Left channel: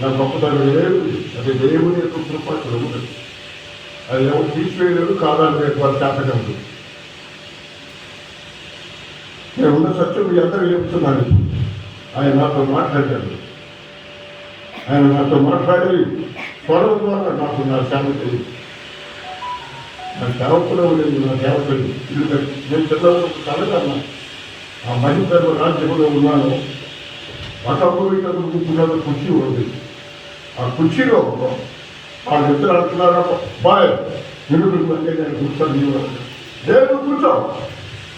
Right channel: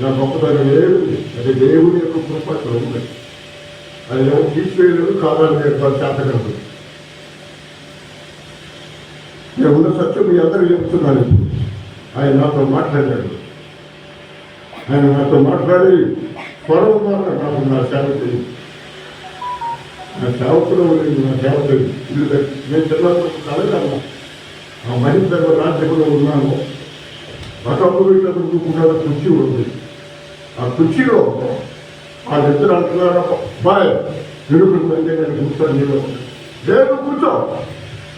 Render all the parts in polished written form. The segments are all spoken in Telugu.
నా గొప్పతనం లేదు, అది దేవుని యొక్క కృప ఉంది. అది ఎవరు తీసివేయలేదు, కాదని ఏర్పాటు చేతగలదు. నేను ఉన్న సత్యం మీ అందరూ చెప్తున్నాను. ఆయన నాతో మాట్లాడాడు. ఆయన నాతో మాట్లాడి స్వరం ద్వారా నాకు నా సేవకుడు, నా సేవకుడు నా సేవకుడు ఇల్లు నేను చిన్నప్పుడు కలగన్నా ఆ మహిళ రాజ్యంలో ఉన్నాను. పక్కప్పుడు ఇట్లా కూర్చుకున్న కుర్చీ ఉంది. ఆ కుర్చీలో వాళ్ళిద్దరు అంటున్నారు, బాయ్ నిరుకుంటే నేను కూర్చొని నీళ్ళు లేదు కూర్చో,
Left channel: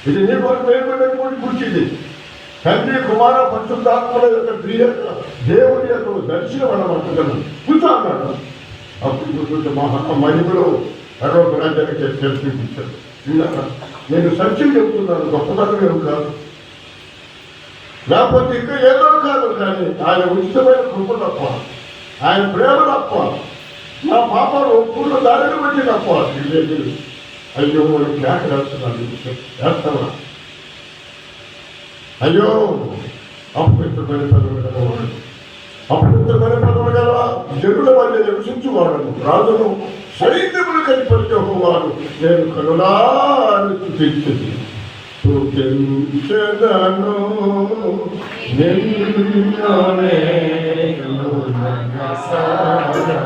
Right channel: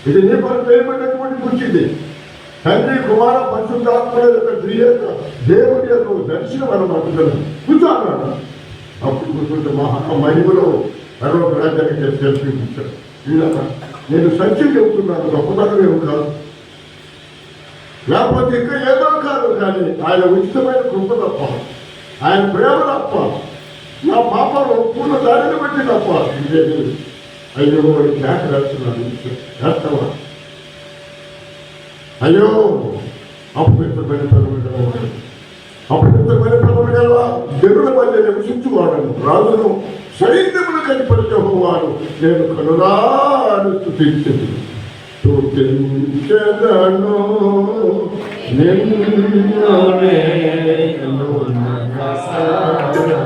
ఇది నీ కొరకు వేయబడినటువంటి కుర్చీది. తండ్రి కుమార పరిశుద్ధాత్మ దేవుడి యొక్క దర్శనం అన్నమాట. కూర్చో అన్నాడు. అప్పుడు కూర్చుంటే మహిమలో అరవై రాజ్యానికి తెలిసి కూర్చోడు. నేను సత్యం చెబుతున్నాను, గొప్పతనం ఏమి కాదు, లేకపోతే ఇంకా ఏదో కాదు, కానీ ఆయన ఉచితమైన కృప తప్ప, ఆయన ప్రేమ తప్ప, నా పాపను ఒప్పుకున్న దానిని బట్టి తప్ప లేదు. అయ్యో వాడికి జ్ఞాపకం రాస్తున్నాను, వేస్తావా? అయ్యో అపవిత్రమైన పదవులు గలవాడు, అపవిత్రమైన పదవులు గలవా జనుల మధ్య నివసించువాడను, రాజును సైన్యములు కనిపరిచేవాడు నేను కనులాను స్తుతించెదను. స్తుతించెదను నిన్ను నేను మనసారా,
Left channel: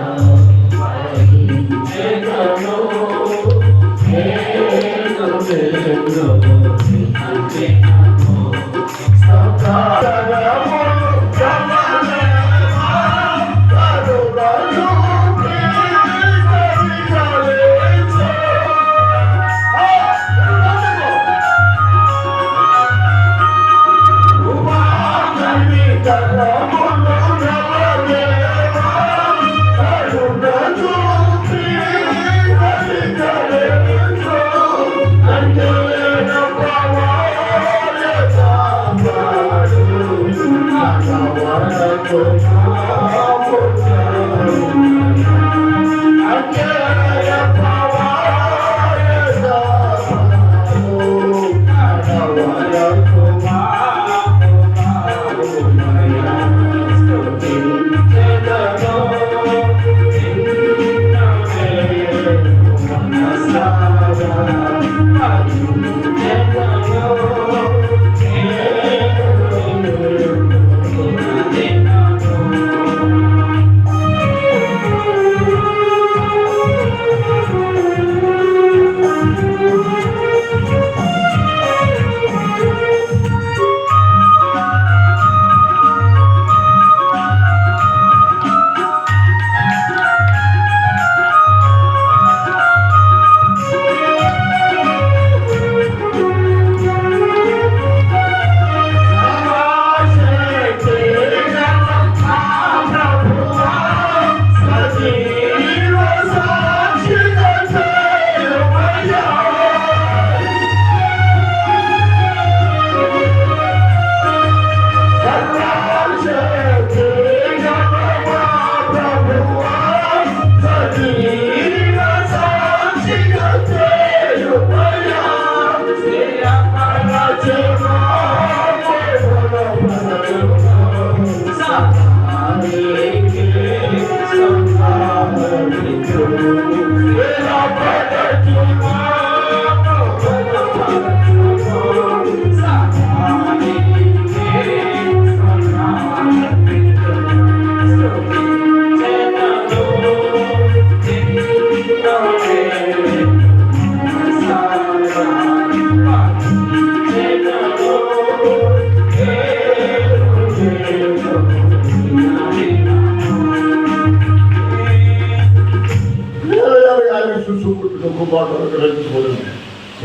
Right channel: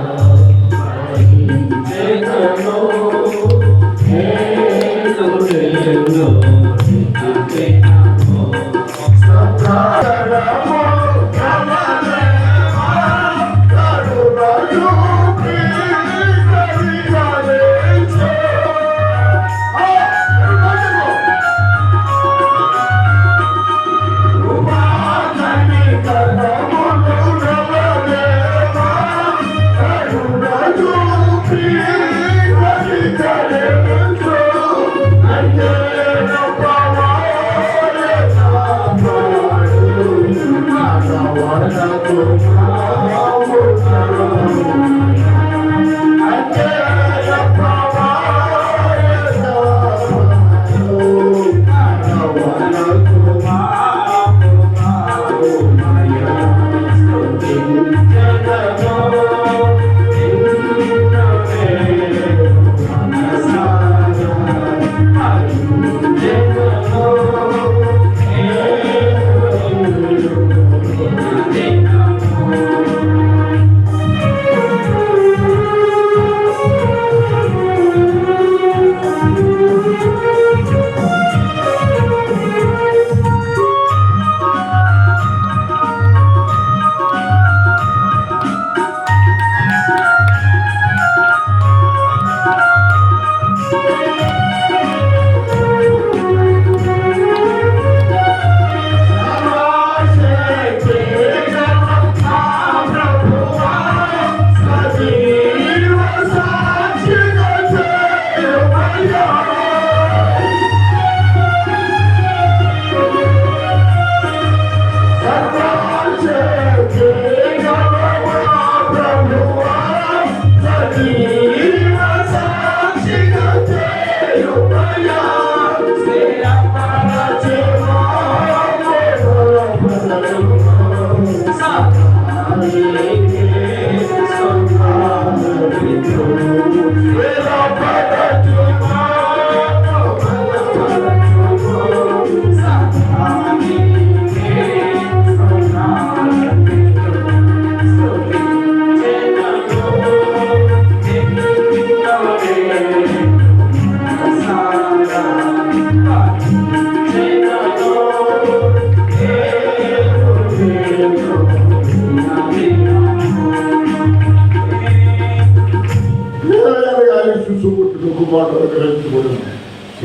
స్తుతించెదను నేను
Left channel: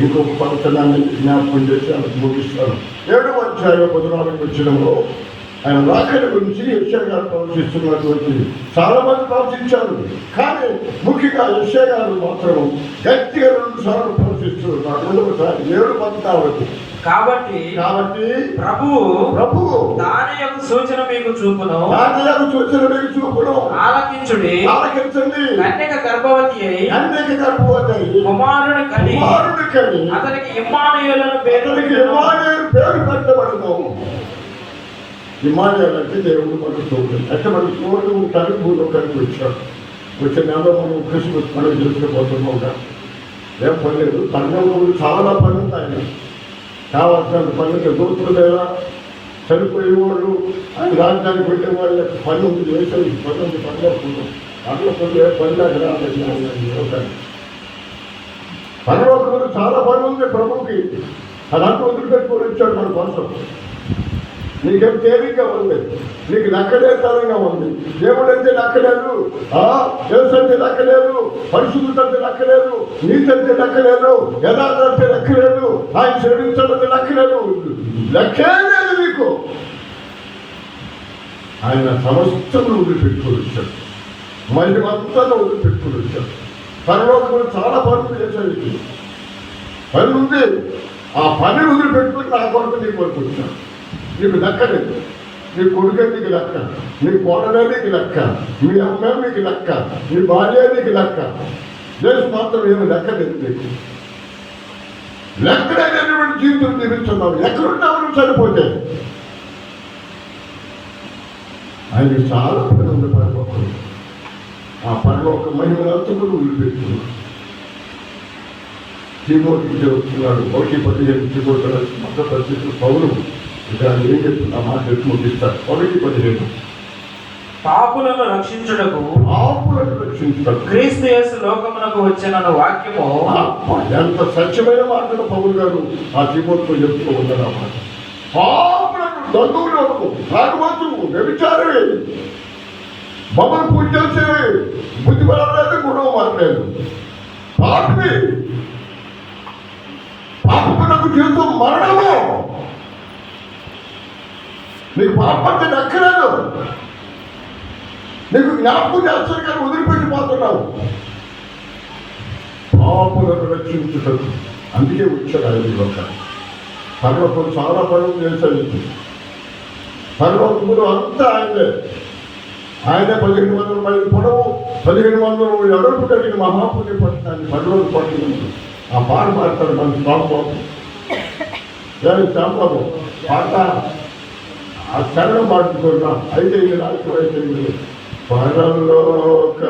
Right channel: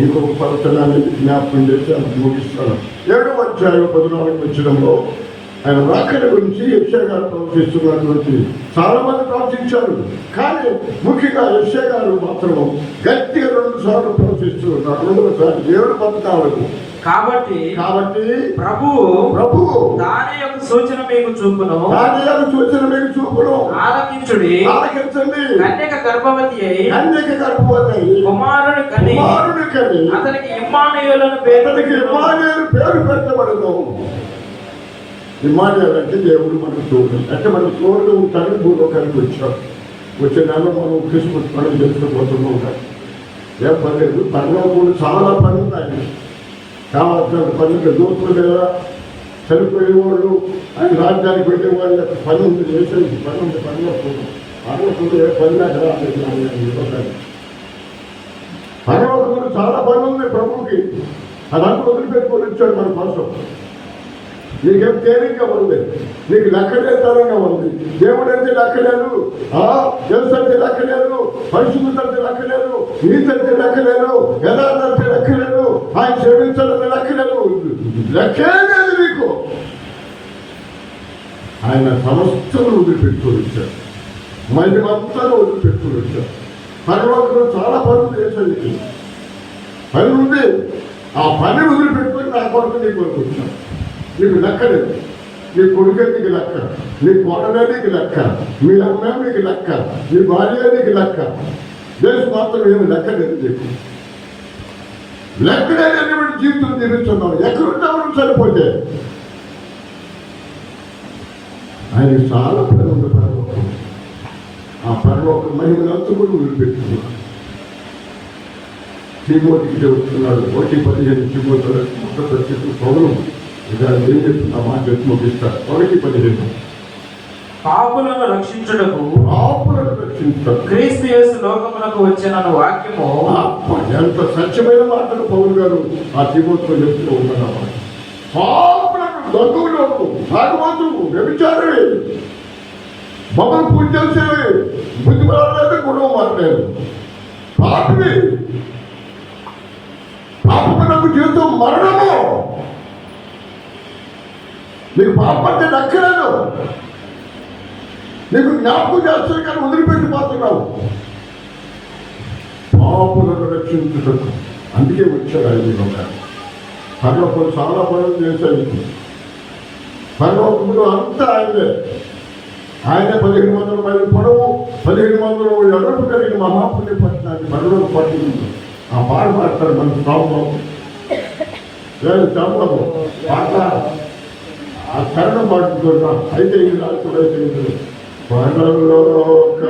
ఇంకొక పట్టణాన్ని జ్ఞాపకం చేసి ముగిస్తాను. 7వ అధ్యాయం 14వ వచనంలో ఆయన రాకడ గురించి యెషయా గారు ప్రవచిస్తున్నటువంటి చాలా మంది ప్రవచించారు. కానీ ముఖ్యంగా యెషయా గారు మాత్రం గట్టిగా 2 సార్లు ప్రవచిస్తున్నారు. 2వసారి 7:14. కాబట్టి ప్రభు దాని యొక్క సూచన మీకు చూపును, ఆలకించండి. కన్యక గర్భవతి అయి కుమారుని కని అతనికి ఇమ్మానుయేలు పేరు పెట్టబడును. హిమాలయాలంటే దేవుడు మనకు తోడు. అంటే మన తోడు ఉంటారని భూలోకానికి వచ్చాడు. వచ్చే నెలలో మనం క్రిస్మస్ పండుగ చేసుకోబోతున్నాం కదా. ఏం పర్లేదు, పరలోకుడు చాలా పని ఉంది ఆయన. కావాల్సిన పనులు దోస్తులు లేదా చనిపోయే వాళ్ళు ఆయన రాజ్యానికి వెళ్ళే వాళ్ళ పని ఉంది, వేసేది పని ఉంది. పరలోకుడు ఏ పని అక్కడ పరలోకుడు చాలా పని ఉంది ప్రభుకి. అదంతా వదిలిపెట్టుకొని వచ్చాడు మన కోసం. నీకేం తేలిగ్గా ఉంది, నీకు లెక్కడే తరంగా ఉంది. దేవుడు అంటే లెక్కలేదు, తెలుసు అంటే లెక్కలేదు, పరిశుద్ధత అంటే లెక్కలేదు, నీతి అంటే లెక్కలేదు, యథార్థ అంటే లెక్కలేదు, ఆయన క్షమించాలంటే లెక్కలేదు, లెక్కే లేదు నీకు. ఆయన సమస్తను వదిలిపెట్టుకొని వచ్చాడు, మహిమంతా వదిలిపెట్టుకొని వచ్చాడు. పరలోకంలో చాలా పనులు చేశాడు, పని ఉంది. ఆ పని వదిలిపెట్టుకొని నా కొరకు నీ కొరకు వచ్చాడు. నీకు లెక్కలేదు, నీ కొడుకు నీకు లెక్క, నీ కోడలే నీకు లెక్క, మీ అమ్మ నీకు లెక్క, నీ భార్య నీకు లెక్క. దేశం మాత్రం ఏమి లెక్కలేదు నీకు. లెక్కలేనటువంటి జీవితం జీవిస్తున్నావు. ఎక్కడున్నావు చనిపోతే? ఆయన చాలా పని ఉంది పరలోకం. ఆ పరలోక మహిమలంతా కూడా వదిలిపెట్టుకున్నాడు. తిమోతికి చెబుతున్నాడు, 1:15 తిమోతిలో మొదటి పరిస్థితులు పౌలు ఇక్కడ ఏం చెప్తున్నా మాట ముగిస్తారు. 1:15 పాపులను రక్షించుటకు క్రీస్తు యేసు లోకమునకు వచ్చిన వాక్యము. ఎంత సత్యమైన మాటలు పౌలు గారు ఆ తిమోతితో చెప్తూ ఉన్నారు. అన్నమాట పాపులకు, దొంగలకు, తాగుబోతులకు, వ్యభిచారి, మమ్మల్ని పూజ చేసేవి, బుద్ధి పడలేదు, గుణం మారలేదు, పాపి పాపకు జీవితం మరణము. నీకు పాపం అంటే దక్కలేదు, నీకు జ్ఞాపకం చేస్తారు కానీ వదిలిపెట్టిపోతున్నావు. పాపులను రక్షించుటకు అందుకే వచ్చాడు ఆయన. పరలోకం చాలా పనులు చేశాడు. పరలోకములు అంతా ఆయనే. 1500 మైలు పొడవు, 1500 అడుగు కలిగిన మహాపుణ్య పట్టణాన్ని పరలోక పట్టణం. ఆ పాట పాడతాడు మన స్వామిబాబు, స్వామిబాబు పాట ఆ చరణం పాడుకుంటున్నాం. అయితే ఈ రాత్రుడైతే పరలోక